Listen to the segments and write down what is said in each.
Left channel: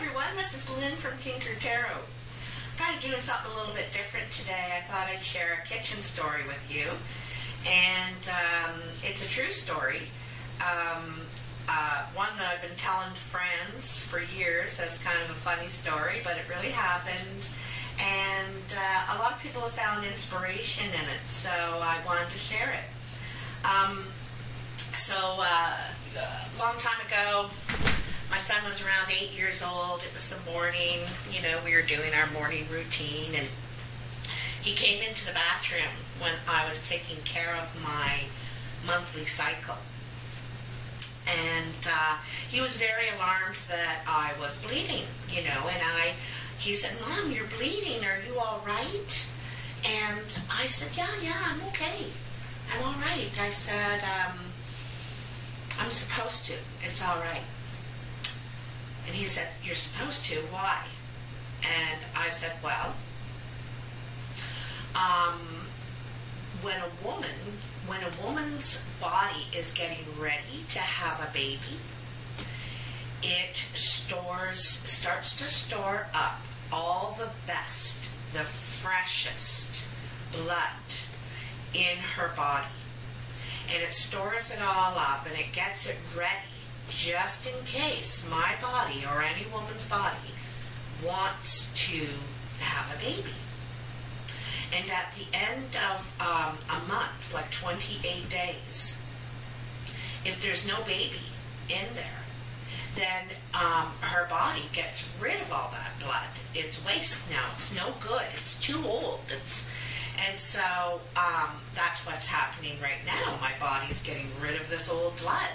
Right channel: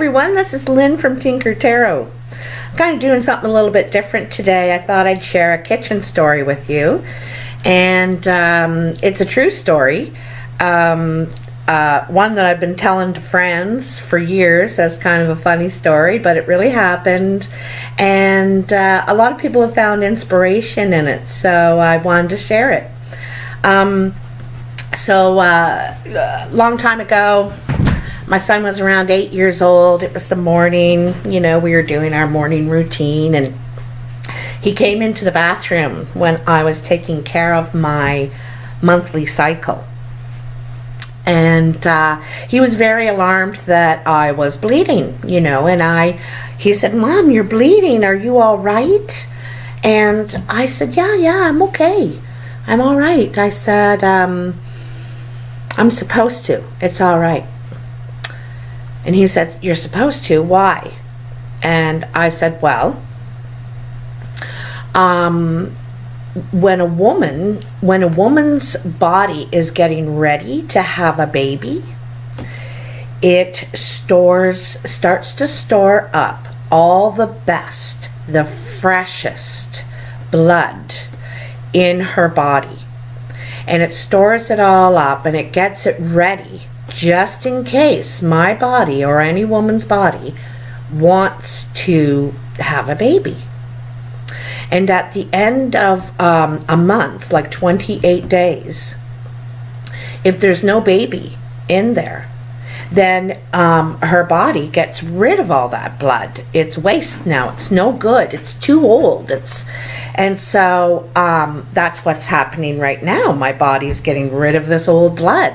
everyone, this is Lynn from Tinker Tarot. I'm kind of doing something a little bit different today. I thought I'd share a kitchen story with you, and it's a true story, one that I've been telling to friends for years as kind of a funny story, but it really happened, and a lot of people have found inspiration in it, so I wanted to share it. Long time ago, my son was around 8 years old. It was the morning, we were doing our morning routine, and he came into the bathroom when I was taking care of my monthly cycle. And he was very alarmed that I was bleeding, and he said, "Mom, you're bleeding. Are you all right?" And I said, yeah, I'm okay. I'm all right. I said, I'm supposed to. It's all right. And he said, "You're supposed to? Why?" And I said, well, when a woman's body is getting ready to have a baby, it starts to store up all the best, the freshest blood in her body. And it stores it all up, and it gets it ready just in case my body or any woman's body wants to have a baby. And at the end of a month, like 28 days, if there's no baby in there, then her body gets rid of all that blood. It's waste now. It's no good. It's too old. And so that's what's happening right now. My body's getting rid of this old blood.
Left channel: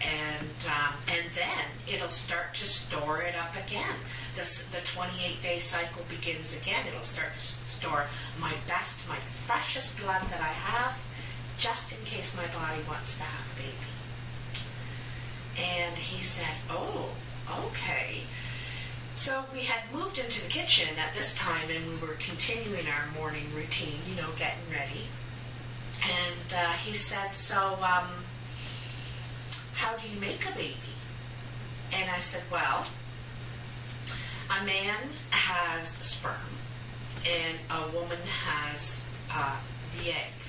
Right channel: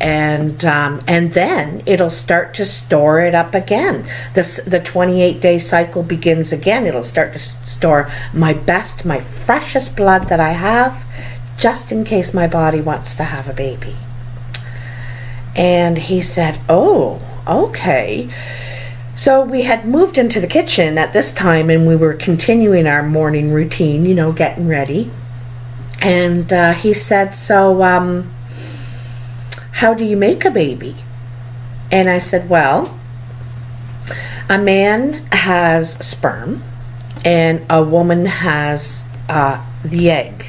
And then it'll start to store it up again. The 28-day cycle begins again. It'll start to store my best, my freshest blood that I have, just in case my body wants to have a baby. And he said, "Oh, okay." So we had moved into the kitchen at this time, and we were continuing our morning routine, getting ready. And he said, "So, how do you make a baby?" And I said, "Well, a man has sperm, and a woman has the egg.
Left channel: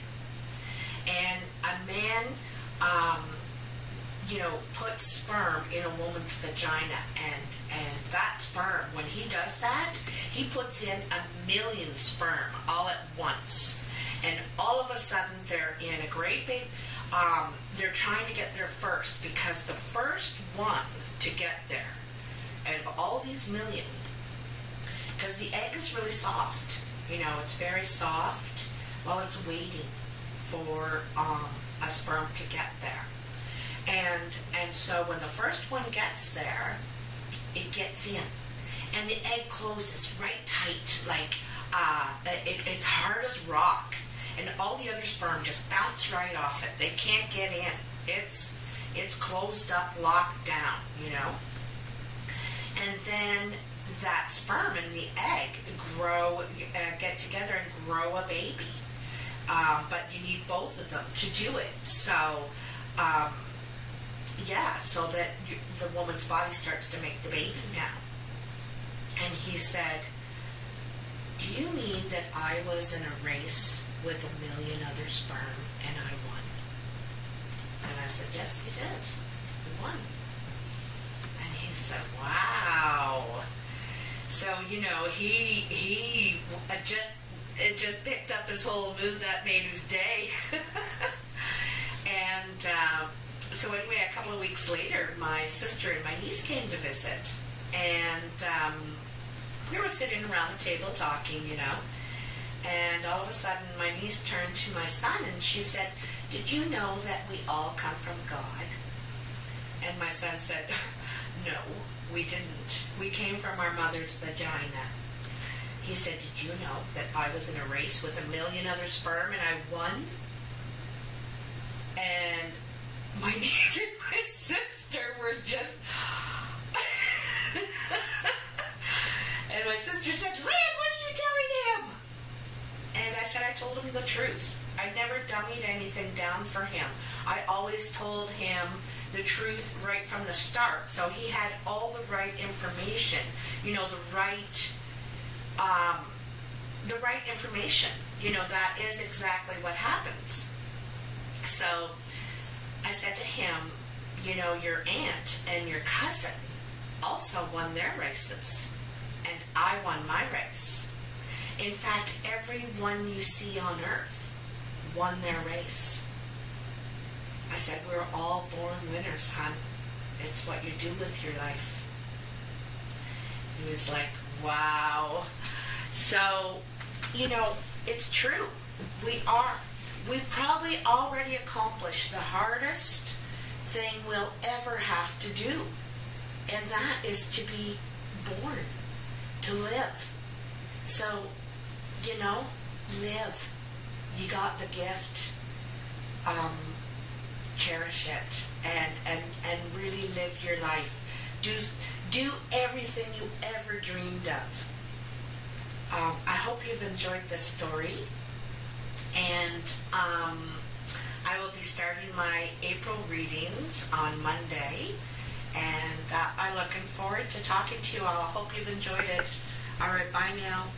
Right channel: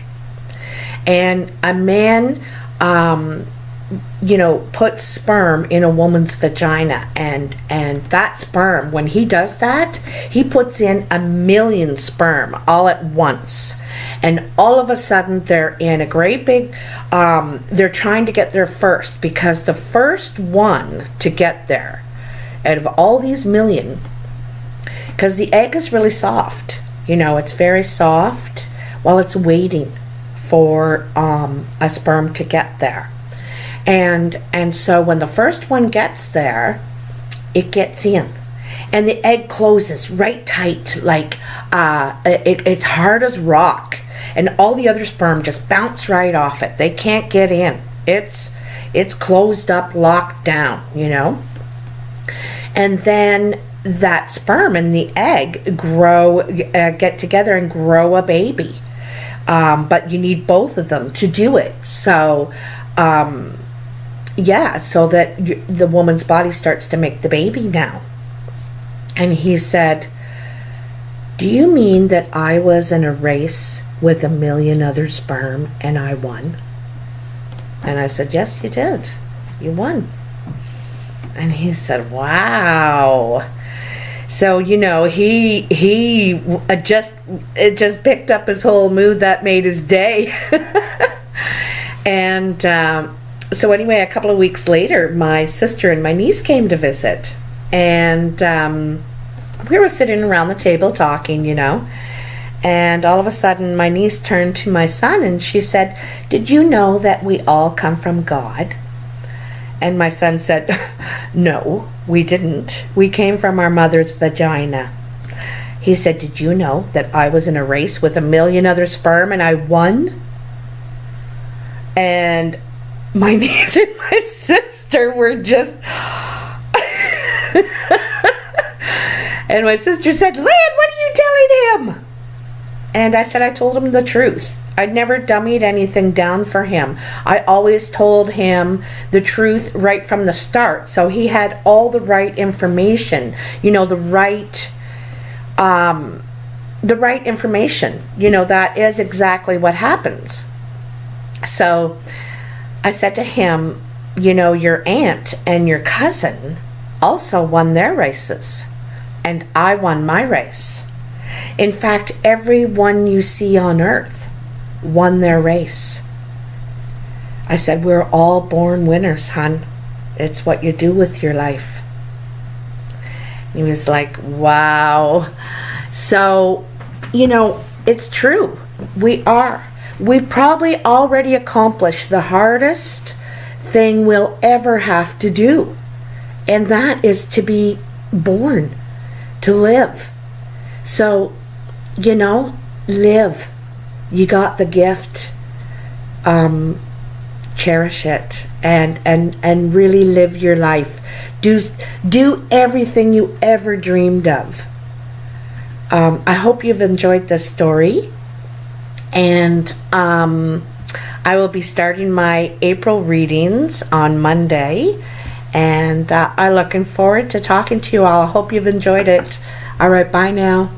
And a man, puts sperm in a woman's vagina, and that sperm, when he does that, he puts in 1,000,000 sperm all at once. And all of a sudden, they're in a great big, they're trying to get there first, because the first one to get there, out of all these million, because the egg is really soft, it's very soft while it's waiting for a sperm to get there. And so when the first one gets there, it gets in. And the egg closes right tight, like it's hard as rock. And all the other sperm just bounce right off it. They can't get in. It's closed up, locked down, And then that sperm and the egg get together and grow a baby. But you need both of them to do it. So, so that the woman's body starts to make the baby now. And he said, "Do you mean that I was in a race with 1,000,000 other sperm and I won?" And I said, "Yes, you did. You won." And he said, "Wow." So, he just picked up his whole mood. That made his day. And so anyway, a couple of weeks later, my sister and my niece came to visit. And we were sitting around the table talking, And all of a sudden, my niece turned to my son and she said, "Did you know that we all come from God?" And my son said, "No, we didn't. We came from our mother's vagina." He said, "Did you know that I was in a race with 1,000,000 other sperm and I won?" And my niece and my sister were just... And my sister said, "Lynn, what are you telling him?" And I said, "I told him the truth. I never dummied anything down for him. I always told him the truth right from the start. So he had all the right information, you know, the right information. You know, that is exactly what happens. So I said to him, you know, your aunt and your cousin also won their races, and I won my race. In fact, everyone you see on earth won their race. I said, we're all born winners, hon. It's what you do with your life. He was like, wow. So, you know, it's true. We are. We've probably already accomplished the hardest thing we'll ever have to do. And that is to be born, to live. So, you know, live. You got the gift. Cherish it and really live your life. Do everything you ever dreamed of. I hope you've enjoyed this story, and I will be starting my April readings on Monday, and I'm looking forward to talking to you all. I hope you've enjoyed it. All right, bye now.